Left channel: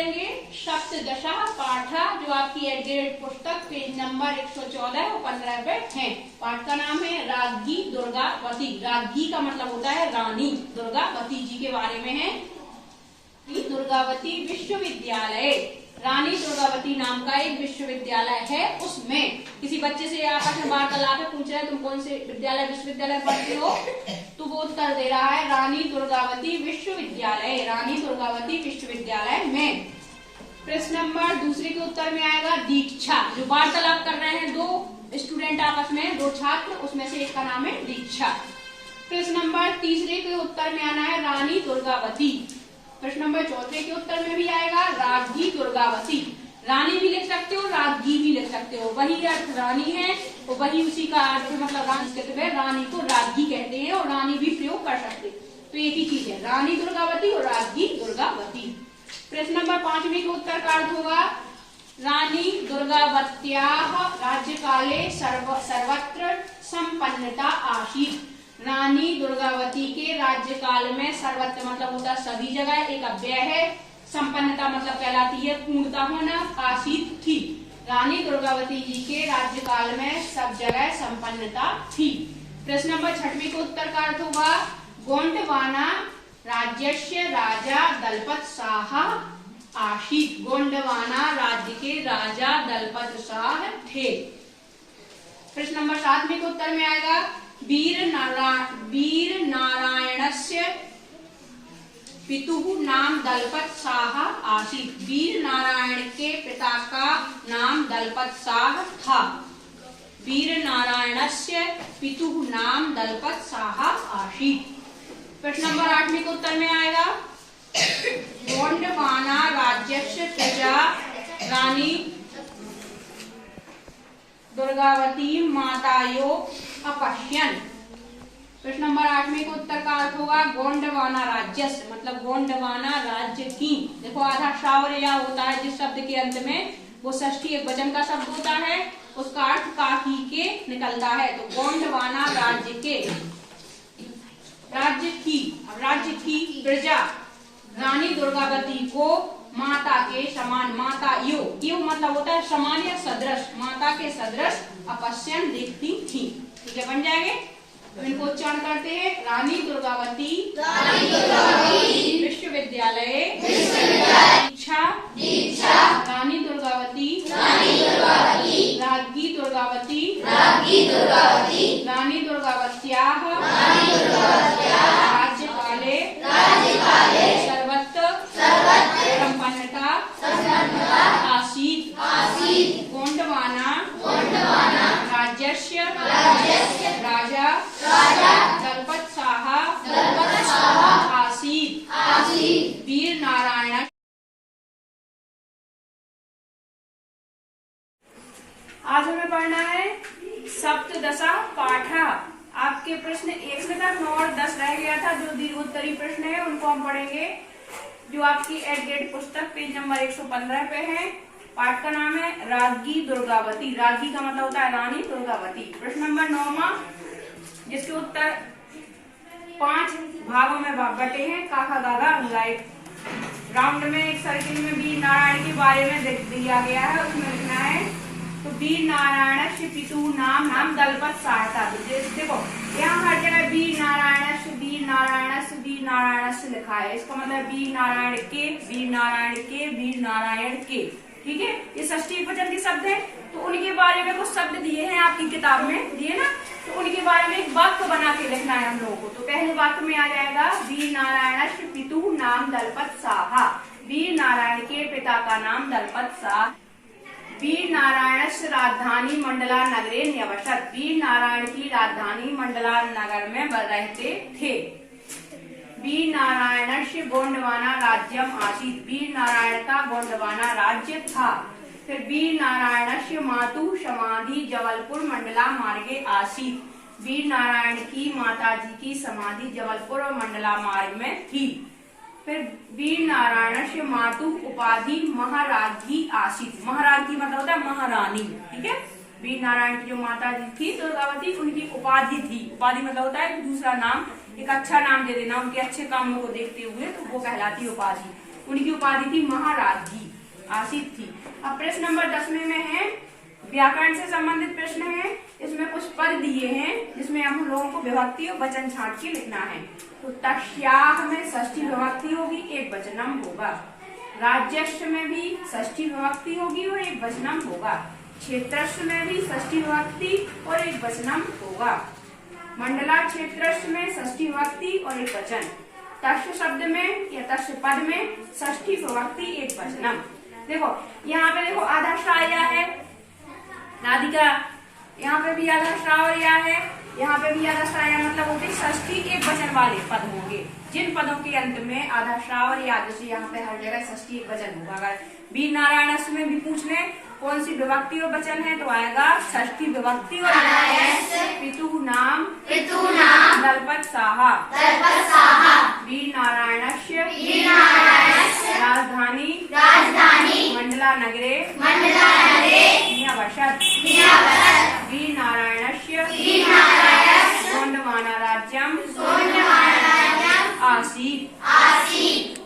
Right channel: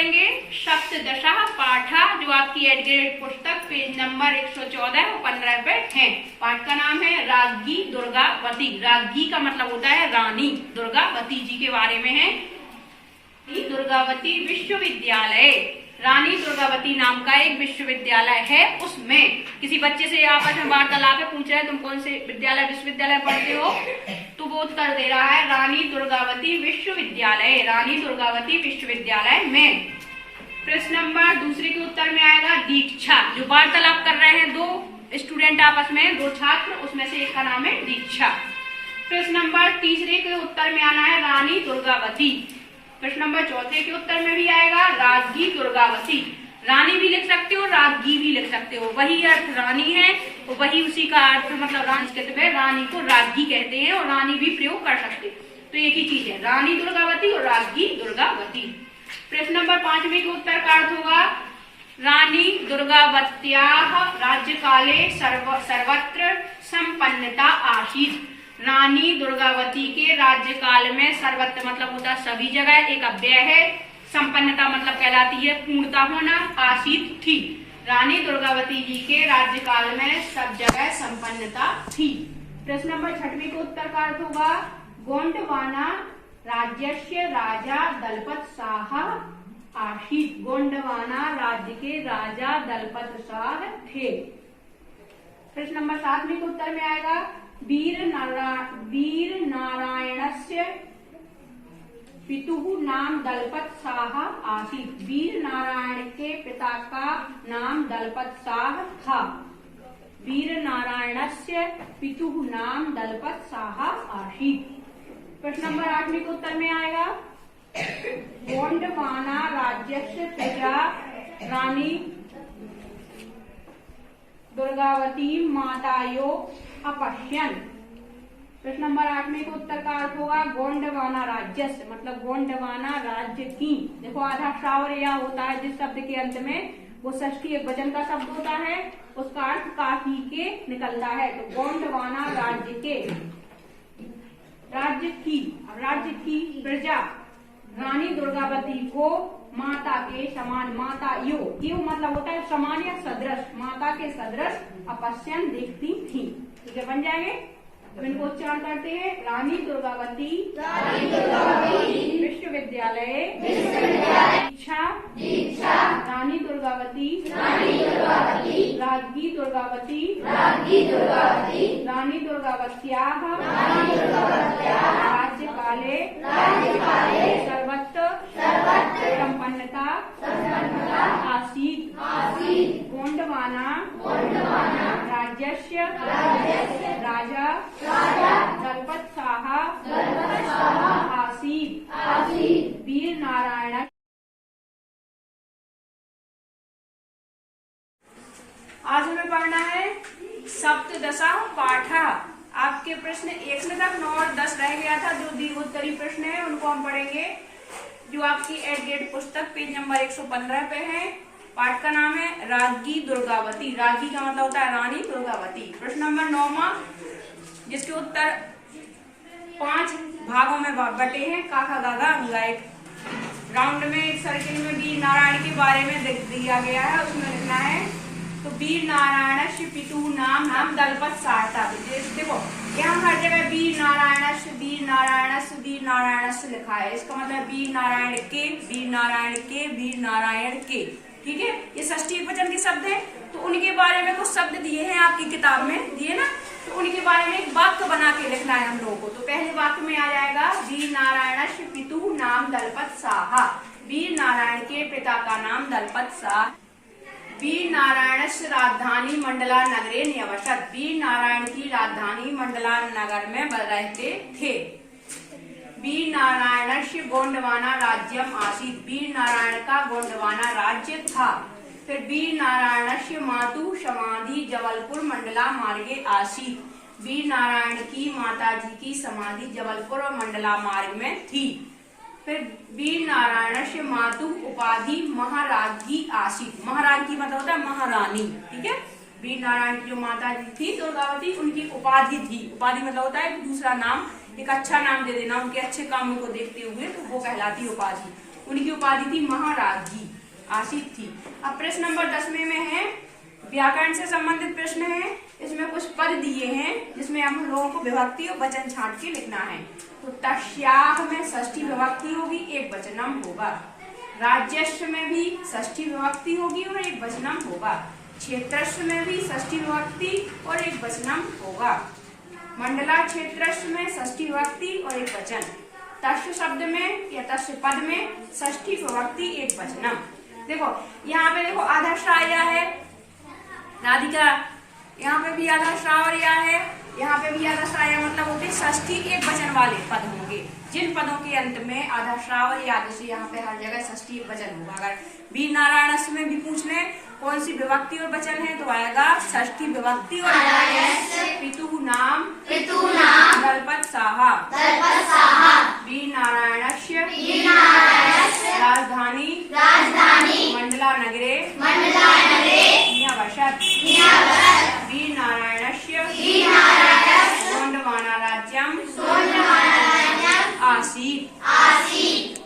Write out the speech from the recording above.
पढ़ेंगे सप्तदशा पाठा, जो आपकी एडग्रेड पुस्तक पेज नंबर 114 और 15 पे है। पाठ का नाम है राज्ञी दुर्गावती। राज्ञी का मतलब होता है रानी, दुर्गावती जी के बारे में है। दुर्गावती विश्वविद्यालय, रानी दुर्गावती नाम का एक विश्वविद्यालय है। उसमें किसी बच्चे से आपस में वार्तालाप में पूछ रहे हैं तुम कौन से विद्यालय विश्वविद्यालय पढ़ते हो, तो वो उत्तर दे रहा है रानी दुर्गावती विश्वविद्यालय, रानी दुर्गावती विश्वविद्यालय में। प्रश्न नंबर दूसरे के उत्तर में आएगा दीक्षा, जो वार्तालाप कर रहे हैं दो स्टूडेंट आपस में, दो छात्र, उसमें से एक का नाम है दीक्षा। प्रश्न नंबर तीसरे के उत्तर में आना है रानी दुर्गावती। प्रश्न नंबर चौथे के उत्तर में भी आएगा राज्ञी दुर्गावती। रानी भी लिख सकते हो, राज्ञी भी लिख सकते हो, वही अर्थ रानी है और वही उसी का अर्थ मतलब रानी को राज्ञी कहते हैं और रानी भी प्रयोग कर सकते हैं, तो एक ही चीज है रानी दुर्गावती और राज्ञी दुर्गावती। प्रश्न नंबर 5 के उत्तर का अर्थ होगा रानी दुर्गावत्याः राज्यकाले सर्वत्र संपन्नता आसीत्। रानी दुर्गावती के राज्यकाल में सर्वत्र मतलब होता सभी जगह, एक अव्यय है, संपन्नता मतलब कहलाती है पूर्णता होना, आसीत थी। रानी दुर्गावती जी के राज्यकाल में सब जगह संपन्नता थी। प्रश्न नंबर 6 के उत्तर का अर्थ होगा गोंडवाना राज्यस्य राजा दलपत शाह आसीत। गोंडवाना राज्य के राजा दलपत शाह थे। प्रश्न नंबर 7 के उत्तर में आएगा वीर नारायणस्य पितुः नाम दलपत शाह आसीत्। वीर नारायण के पिता का नाम दलपत शाह था। वीर नारायणस्य पितुः नाम दलपत शाह आसीत्। प्रश्न नंबर 8 के उत्तर में आएगा गोंडवाना राज्यस्य प्रजा रानी दुर्गावती मातायो अपश्यन। प्रश्न नंबर 8 के उत्तर का अर्थ होगा गोंडवाना राज्य मतलब गोंडवाना राज्य की। देखो आधा शावर या होता है जिस शब्द के अंत में, वो षष्ठी एक वचन का शब्द होता है, उसका अर्थ काकी के निकलता है। तो गोंडवाना राज्य के, राज्य की, अब राज्य की प्रजा रानी दुर्गावती को माता के समान, माता यो मतलब होता है समान या सदृश, माता के सदृश अपश्यन देखती थी। ठीक है, बन जाएंगे। तो इनको उच्चारण करते हैं रानी दुर्गावती विश्वविद्यालय दीक्षा रानी दुर्गावती राज्ञी दुर्गावती रानी दुर्गावत्याः राज्यकाले सर्वत्र संपन्नता आसीत्। गोंडवाना राज्यस्य राजा दलपत शाह आसीत्। वीर नारायण। आज हमें पढ़ना है सप्तदशा पाठा। आपके प्रश्न 1 से तक 9 और 10 रह गया था, जो दीर्घोत्तरी प्रश्न है उनको हम पढ़ेंगे, जो आपकी एडग्रेड पुस्तक पेज नंबर 115 पे है। पाठ का नाम है राज्ञी दुर्गावती। राज्ञी का मतलब होता है रानी दुर्गावती। प्रश्न नंबर 9 जिसके उत्तर 5 भागों में बटे हैं, काका गागा अंगा। एक राउंड में एक सर्किल में वीर नारायण के बारे में दिया गया है, उसमें लिखना है तो वीर नारायण पितु नाम दलपत शाह था। देखो यहाँ हर जगह वीर नारायण लिखा है, इसका मतलब वीर नारायण के। ठीक है, ये षष्ठी वचन के शब्द है, तो उनके बारे में कुछ शब्द दिए हैं आपकी किताब में, दिए ना, तो उनके बारे में एक वाक्य बना के लिखना है हम लोगों को। तो पहले वाक्य में आ जाएगा वीर नारायण पितु नाम दलपत शाह। वीर नारायण के पिता का नाम दलपत शाह। वीर नारायण राजधानी मंडला नगरे न्यवसत। वीर नारायण की राजधानी मंडला नगर में रहते थे। वीर नारायण गोंडवाना राज्यम आसीत्। वीर नारायण का गोंडवाना राज्य था। फिर वीर नारायण मातु समाधि जबलपुर मंडला मार्गे आसीत्। वीर नारायण की माताजी की समाधि जबलपुर और मंडला मार्ग में थी। फिर वीर नारायण मातु उपाधि महाराजी आसीत्। महाराजी मतलब होता है महारानी। ठीक है, वीर नारायण की जो माता जी थी दुर्गावती, उनकी उपाधि थी। उपाधि मतलब होता है दूसरा नाम, एक अच्छा नाम दे देना उनके अच्छे कामों को देखते हुए, तो वो कहलाती उपाधि। उनकी उपाधि थी महाराजी, आसित थी। अब प्रश्न नंबर 10वें में है व्याकरण से संबंधित प्रश्न है। इसमें कुछ पद दिए हैं जिसमें हम लोगों को विभक्ति और वचन छांट के लिखना है। तो तस्याह में षष्ठी विभक्ति होगी, एक वचनम होगा। राज्यस्व में भी षष्ठी विभक्ति होगी और एक वचनम होगा। क्षेत्रस्व में भी षष्ठी विभक्ति और एक वचनम होगा। मंडला क्षेत्रस्व में षष्ठी विभक्ति और एक वचन। तस्य शब्द में या तस्य पद में षष्ठी विभक्ति एक वचनम। देखो यहाँ पे देखो आधा श्राया है राधिका, यहाँ पे भी आधा श्रावरिया है, यहाँ पे भी आधा श्राया, मतलब होते षष्ठी एक वचन वाले पद होंगे। जिन पदों के अंत में आधा श्रावर या जैसे यहाँ पे हर जगह षष्ठी एक वचन होगा। अगर वीर नारायण में भी पूछ ले कौन सी विभक्ति और वचन है तो आएगा षष्ठी विभक्ति और पितु नाम दलपत साहा वीर नारायणस्य राजधानी मंडला नगरे निवसत् वीर नारायणस्य गोंडवाना राज्यम आसीत्।